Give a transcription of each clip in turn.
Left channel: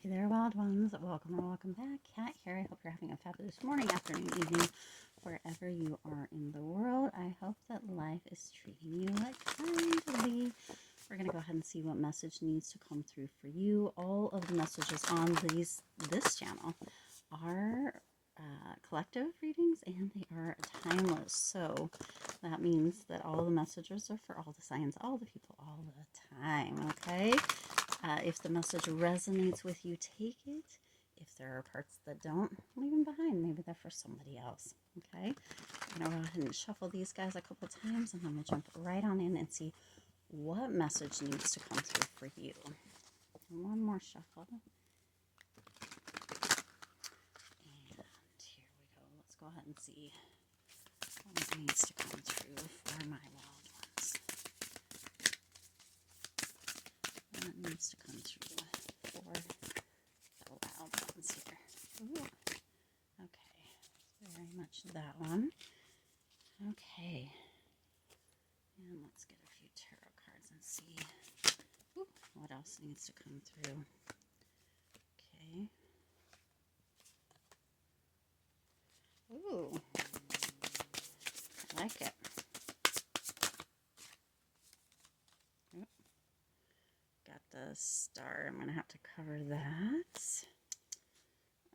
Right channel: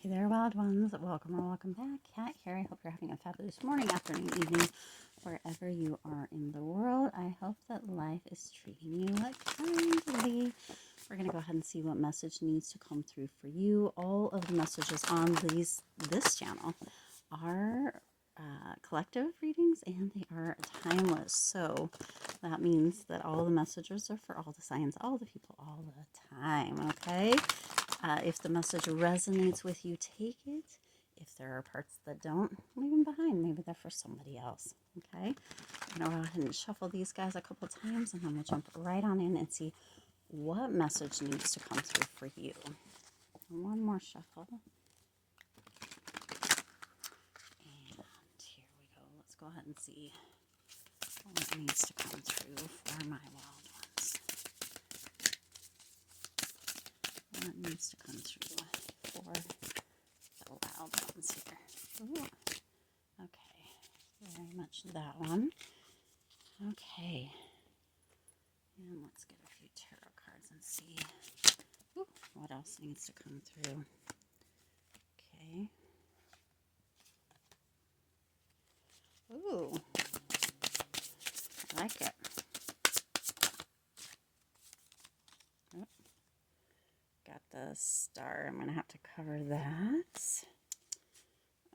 Hey there, wild ones. Welcome or welcome back. Kat here. I hope you're having a fabulous morning, afternoon, evening, wherever you are in the world. I hope that life is treating you like kindly. We're going to go ahead and see what message needs to come through for you. All of the messages on this channel are collective readings, and they are timeless. So that means that all the messages are for all the signs, all the people, all the time. Okay. If the message resonates with you, take it. If there are parts that don't, leave them behind. Maybe they're for somebody else. Okay. I'm going to go ahead and shuffle these guys a couple times, and I'm going to jump right on in and see what message needs to come through for you. One more shuffle. And here we go. Let's go ahead and see what needs to come through for my wild ones. What needs to come through for the wild ones here. Ooh. Okay. Very much that one. Okay. And let's get a few tarot cards and see what else needs to come through. Okay. Ooh. I like it. Oh, got the star. I'm going to have to cover that.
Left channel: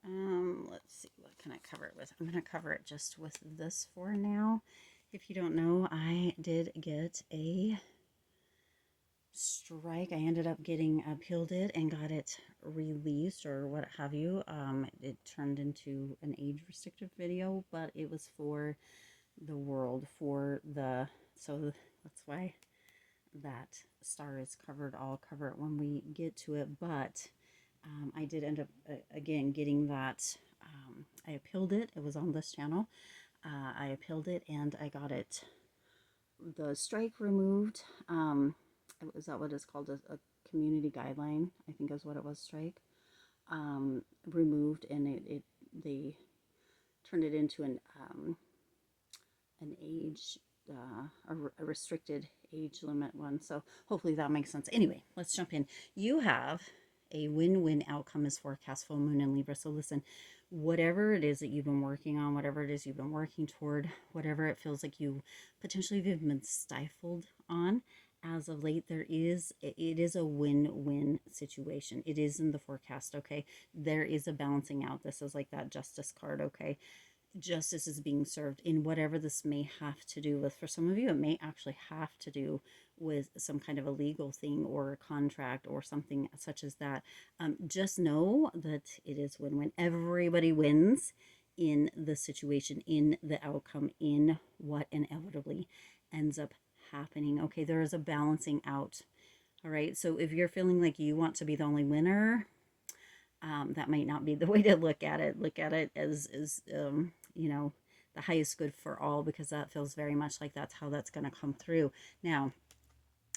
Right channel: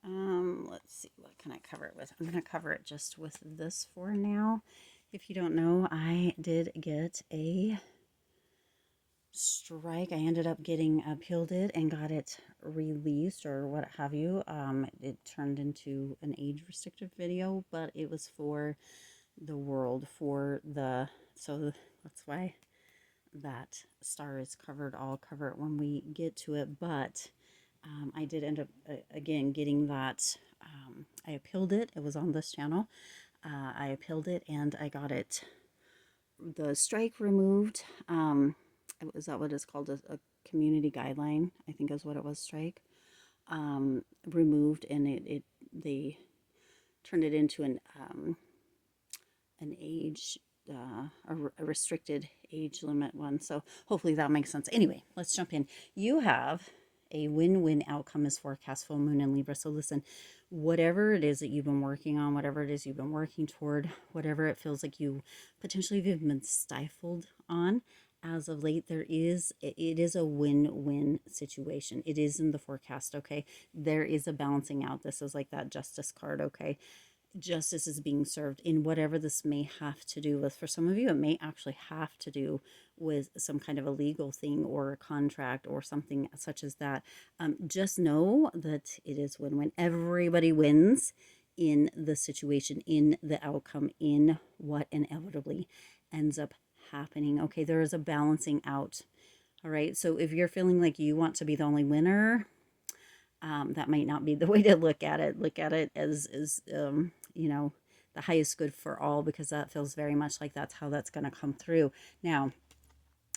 Let's see. What can I cover it with? I'm going to cover it just with this for now. If you don't know, I did get a strike. I ended up getting appealed it and got it released or what have you. It turned into an age restrictive video, but it was for the world, so that's why that star is covered. I'll cover it when we get to it, but I did end up again getting that. I appealed it. It was on this channel. I appealed it and I got the strike removed. Is that what it's called? A community guideline, I think is what it was. Strike removed, and they turned it into an age, a restricted age limit one. So hopefully that makes sense. Anyway, let's jump in. You have a win-win outcome as forecast full moon in Libra. So listen, whatever it is that you've been working on, whatever it is you've been working toward, whatever it feels like you potentially have been stifled on as of late, it is a win-win situation. It is in the forecast. Okay. There is a balancing out. This is like that justice card. Okay. Justice is being served in whatever this may have to do with. For some of you, it may actually have to do with some kind of a legal thing or a contract or something such as that. Just know that it is win-win. Everybody wins in the situation, in the outcome, in what inevitably ends up happening. Okay, there is a balancing out. All right, so if you're feeling like you want to be the only winner, that might not be the way to look at it. Look at it as the highest good for all, because that feels very much like that's how that's going to come through. Now,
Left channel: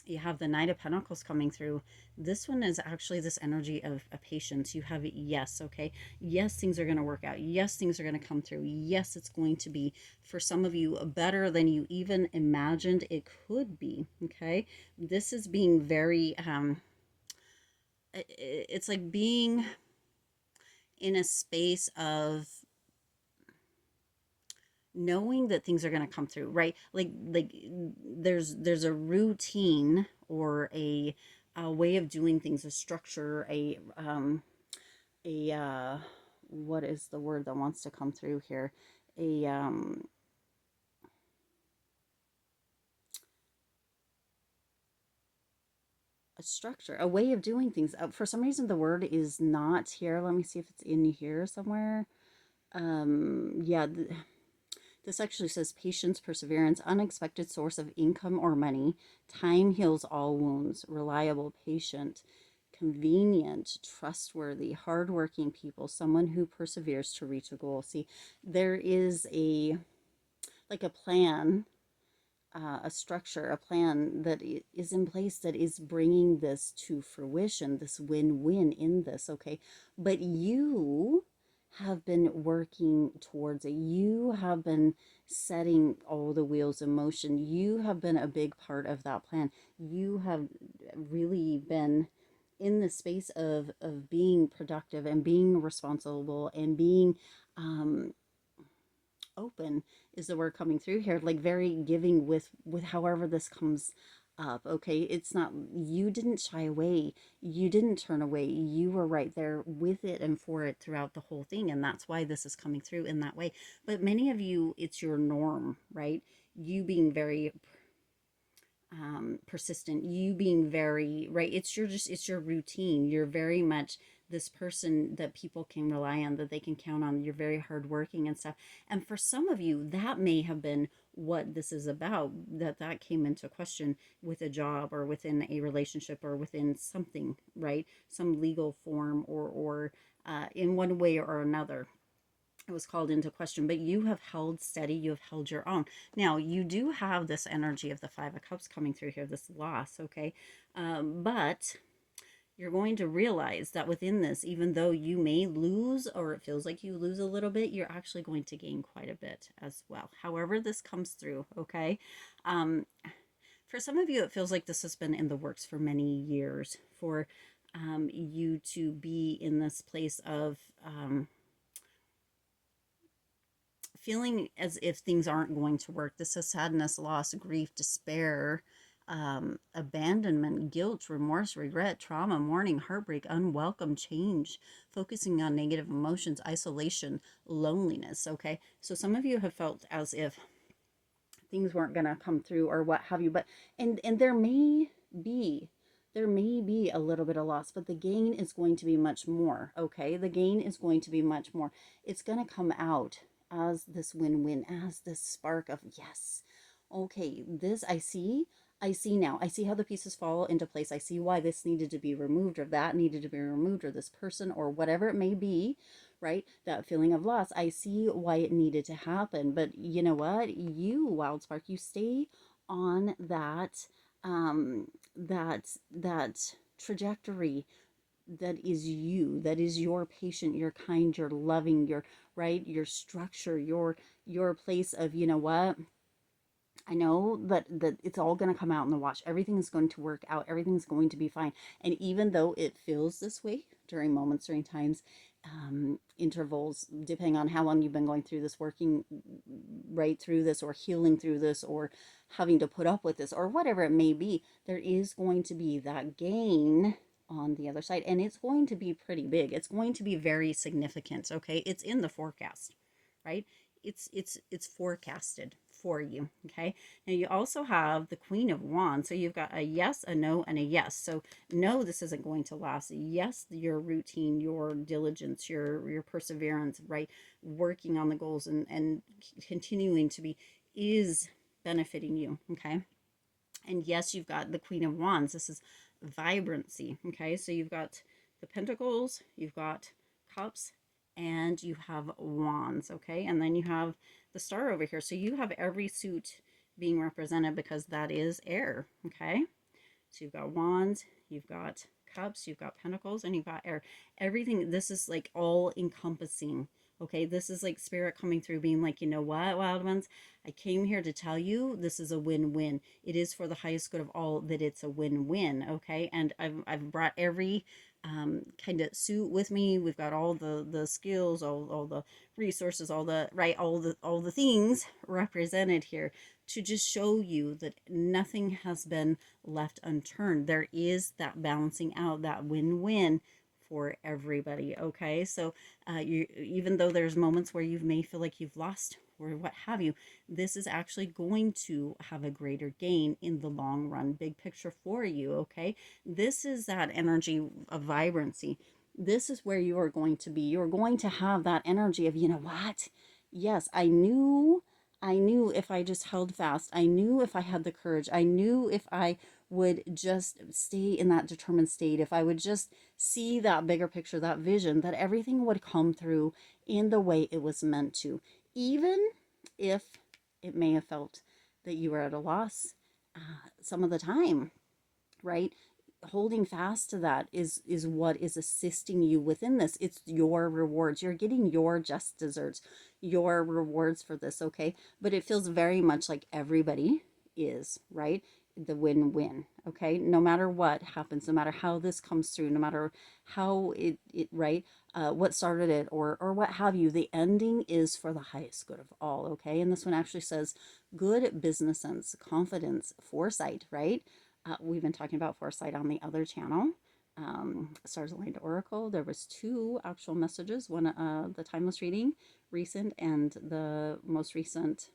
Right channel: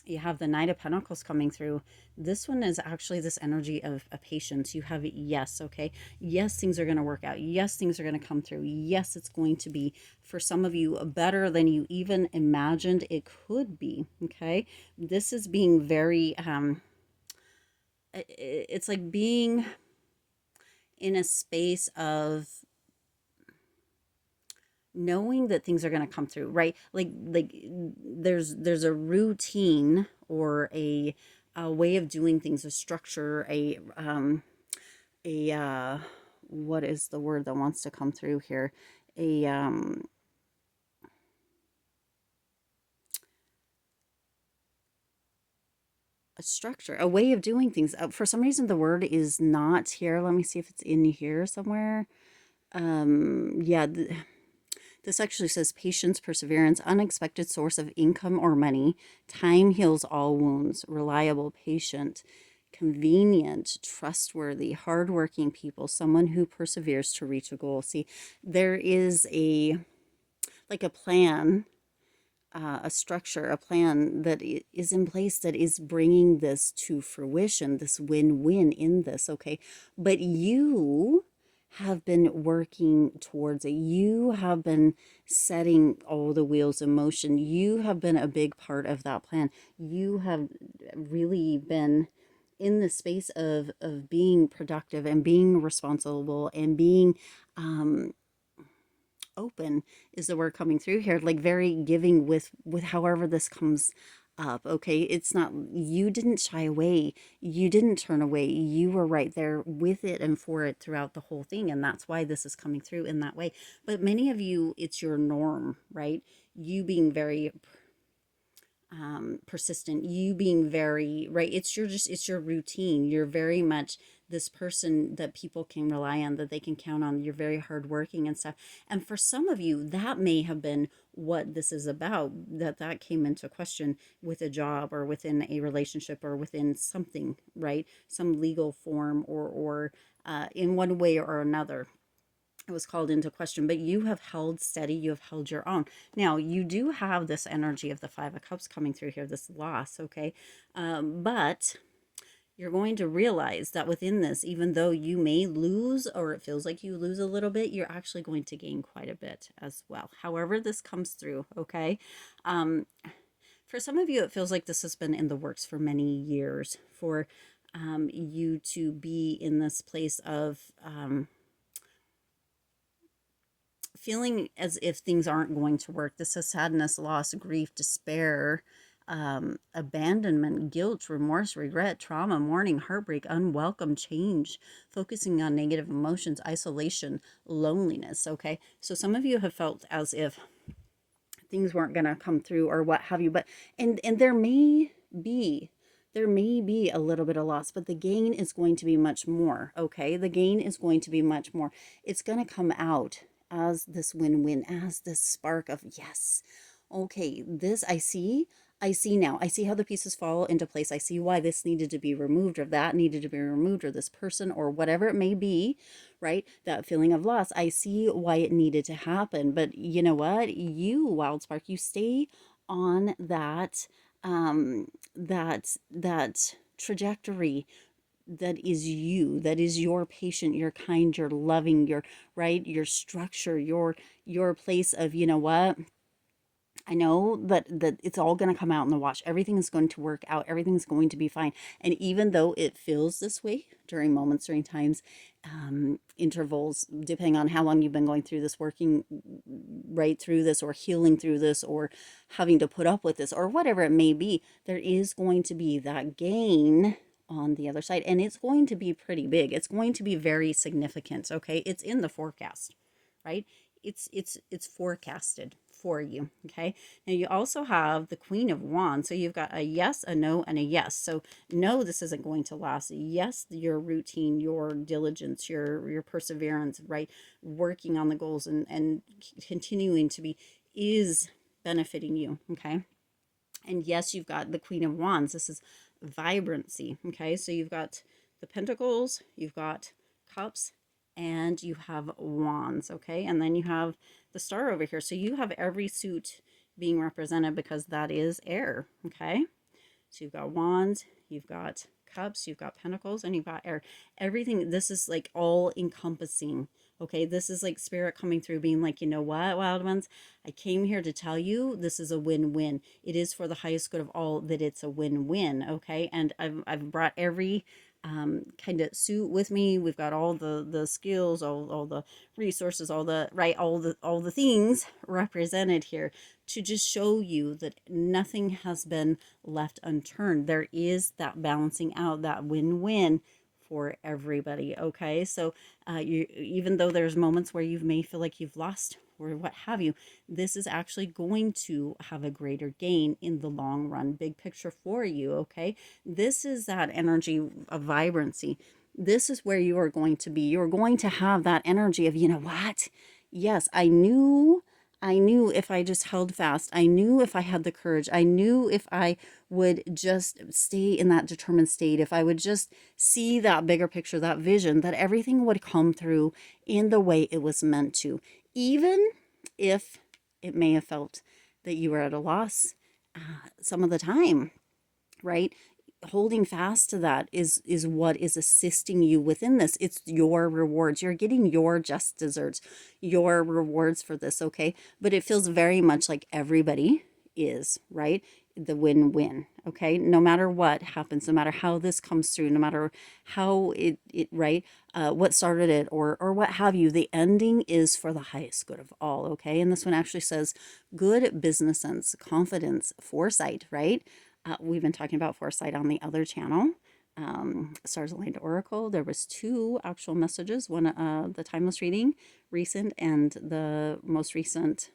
you have the Knight of Pentacles coming through. This one is actually this energy of a patience. You have yes, okay? Yes, things are going to work out. Yes, things are going to come through. Yes, it's going to be, for some of you, better than you even imagined it could be, okay? This is being very, it's like being in a space of knowing that things are going to come through, right? Like there's a routine or a way of doing things, a structure, a what is the word that wants to come through here? A structure, a way of doing things. For some reason, the word is not here. Let me see if it's in here somewhere. Yeah. This actually says patience, perseverance, unexpected source of income or money, time heals all wounds, reliable, patient, convenient, trustworthy, hardworking people, someone who perseveres to reach a goal. See, there is a plan, a structure, a plan that is in place that is bringing this to fruition, this win-win in this, okay? But you have been working towards it. You have been setting all the wheels in motion. You have been a big part of that plan. You have really been in the space of being productive and being responsible and being um open is the word coming through here, like very giving with however this comes up. Okay, it's not, you didn't shy away, you didn't turn away, you were right there with it and for it throughout the whole thing, and that's why this is coming through in that way. But many of you, it's your norm, right? You being very persistent, you being very right, it's your, just it's your routine, you're very much this person that people can rely on, that they can count on, you're very hardworking and stuff. And for some of you, that may have been what this is about, that came into question with a job or within a relationship or within something, right? Some legal form or in one way or another it was called into question, but you have held steady, you have held your own. Now, you do have this energy of the Five of Cups coming through here, this loss, okay? But you're going to realize that within this, even though you may lose or it feels like you lose a little bit, you're actually going to gain quite a bit as well. However, this comes through, okay? For some of you, it feels like this has been in the works for many years for you to be in this place of feeling as if things aren't going to work. This is sadness, loss, grief, despair, abandonment, guilt, remorse, regret, trauma, mourning, heartbreak, unwelcome change, focusing on negative emotions, isolation, loneliness. Okay, so some of you have felt as if things weren't going to come through or what have you, but and be there may be a little bit of loss, but the gain is going to be much more. Okay, the gain is going to be much more. It's going to come out as this win-win, as this spark of yes, okay, this I see now. I see how the pieces fall into place. I see why this needed to be removed or that needed to be removed or this person or whatever it may be, right? That feeling of loss. I see why it needed to happen. But you know what? You, Wild Spark, you stay on that trajectory that is you, that is your patient, your kind, your loving, your right, your structure, your place of, you know what, I know that it's all going to come out in the wash. Everything is going to work out. Everything's going to be fine. And even though it feels this way during moments, during times, intervals, depending on how long you've been going through this, working right through this, or healing through this, or having to put up with this, or whatever it may be, there is going to be that gain on the other side. And it's going to be pretty big. It's going to be very significant. Okay. It's in the forecast, right? It's forecasted for you. Okay, now you also have the Queen of Wands, so you've got a yes, a no, and a yes. So no, this isn't going to last. Yes, your routine, your diligence, your perseverance, right, working on the goals and continuing to be is benefiting you. Okay, and yes, you've got the Queen of Wands. This is vibrancy. Okay, so you've got the Pentacles, you've got Cups, and you have Wands. Okay, and then you have the Star over here. So you have every suit being represented because that is air. Okay, so you've got Wands, you've got Cups, you've got Pentacles, and you've got air. Everything, this is like all encompassing. Okay, this is like spirit coming through being like, you know what, wild ones, I came here to tell you this is a win-win. It is for the highest good of all that it's a win-win. Okay, and I've brought every kind of suit with me. We've got all the skills, all the resources, all the right, all the things represented here to just show you that nothing has been left unturned. There is that balancing out, that win-win for everybody. Okay, so you, even though there's moments where you may feel like you've lost or what have you, this is actually going to have a greater gain in the long run, big picture for you. Okay, this is that energy of vibrancy. This is where you are going to be. You're going to have that energy of, you know what, yes, I knew if I just held fast. I knew if I had the courage. I knew if I would just stay in that determined state, if I would just see that bigger picture, that vision, that everything would come through in the way it was meant to. Even if it may have felt that you were at a loss some of the time, right? Holding fast to that is what is assisting you within this. It's your rewards. You're getting your just desserts, your rewards for this. Okay, but it feels very much like everybody is, right? the win-win. Okay, no matter what happens, no matter how this comes through, no matter how it right, what started it, or what have you, the ending is for the highest good of all. Okay, and this one actually says good business sense, confidence, foresight. Right, we've been talking about foresight on the other channel. Stars aligned oracle, there was two actual messages, one the timeless reading recent, and the most recent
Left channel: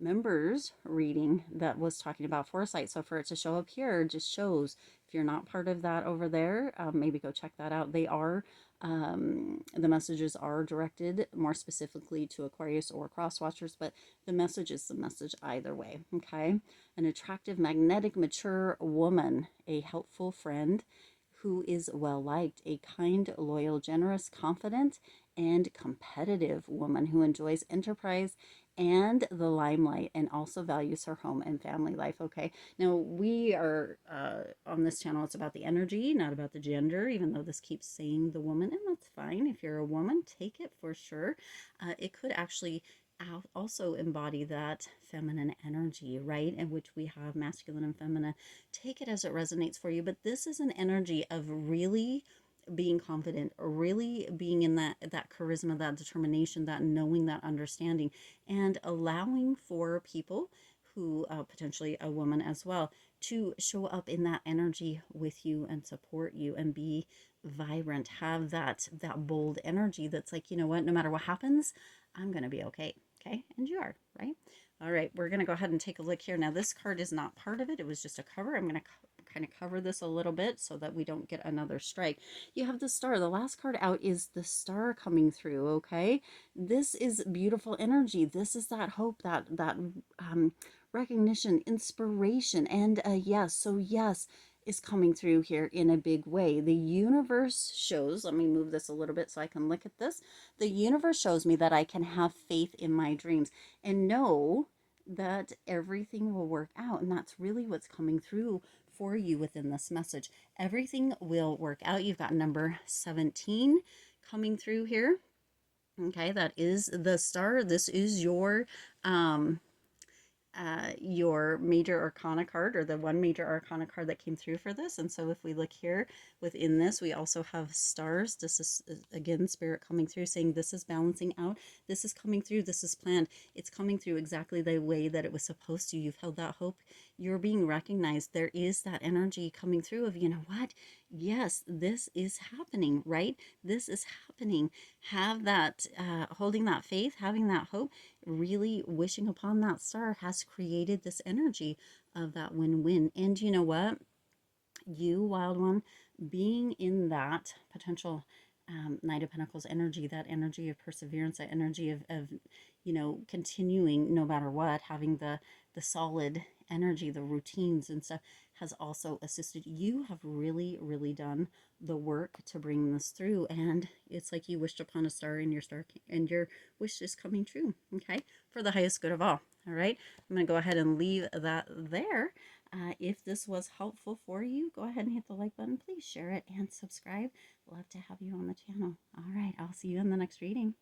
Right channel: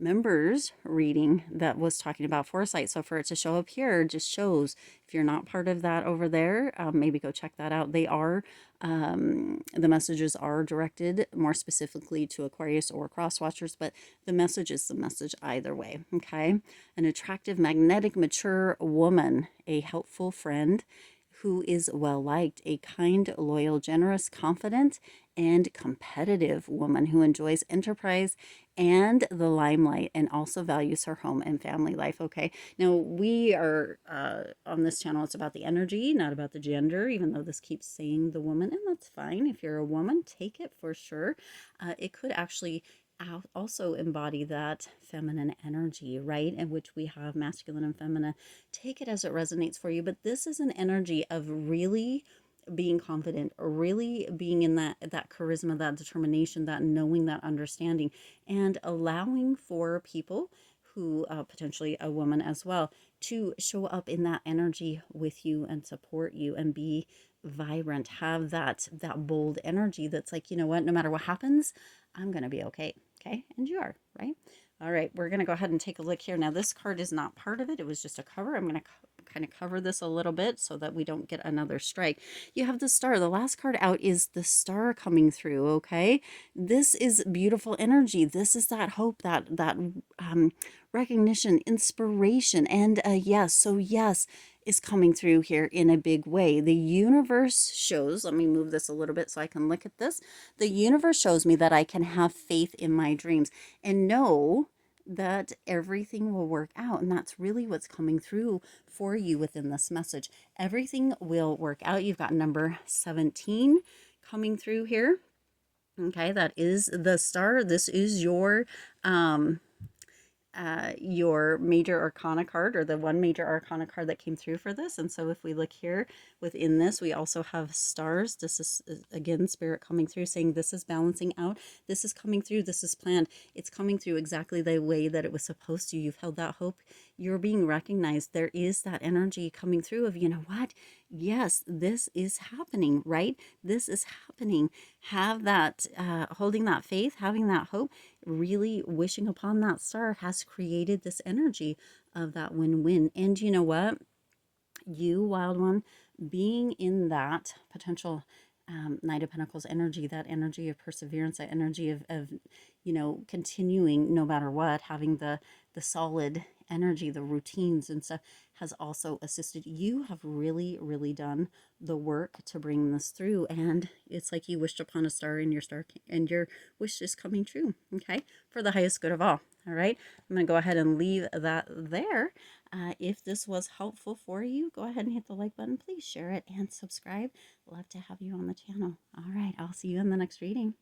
members reading that was talking about foresight. So for it to show up here just shows, if you're not part of that over there, maybe go check that out. They are the messages are directed more specifically to Aquarius or cross watchers, but the message is the message either way. Okay, an attractive, magnetic, mature woman, a helpful friend who is well liked, a kind, loyal, generous, confident, and competitive woman who enjoys enterprise and the limelight and also values her home and family life. Okay, now we are on this channel, it's about the energy, not about the gender, even though this keeps saying the woman, and that's fine. If you're a woman, take it for sure. It could actually also embody that feminine energy, right, in which we have masculine and feminine. Take it as it resonates for you, but this is an energy of really being confident, or really being in that charisma, that determination, that knowing, that understanding, and allowing for people who potentially a woman as well to show up in that energy with you and support you and be vibrant, have that bold energy that's like, you know what, no matter what happens, I'm gonna be okay. Okay, and you are, right? All right, we're gonna go ahead and take a look here. Now this card is not part of it, it was just a cover. I'm gonna kind of cover this a little bit so that we don't get another strike. You have the star. The last card out is the star coming through. Okay, this is beautiful energy. This is that hope, that recognition, inspiration, and yes. So yes is coming through here in a big way. The universe shows, let me move this a little bit so I can look at this. The universe shows me that I can have faith in my dreams and know that everything will work out. And that's really what's coming through for you within this message. Everything will work out. You've got number 17 coming through here. Okay, that is the star. This is your major arcana card, or the one major arcana card that came through for this. And so if we look here within this, we also have stars. This is again spirit coming through saying this is balancing out, this is coming through, this is planned, it's coming through exactly the way that it was supposed to. You've held that hope, you're being recognized. There is that energy coming through of, you know what, yes, this is happening, right? This is happening. Have that holding that faith, having that hope, really wishing upon that star has created this energy of that win-win. And you know what, you wild one, being in that potential Knight of Pentacles energy, that energy of perseverance, that energy of you know, continuing no matter what, having the solid energy, the routines and stuff, has also assisted. You have really done the work to bring this through, and it's like you wished upon a star, and your wish is coming true. Okay, for the highest good of all. All right, I'm going to go ahead and leave that there. If this was helpful for you, go ahead and hit the like button. Please share it and subscribe. Love to have you on the channel. All right, I'll see you in the next reading.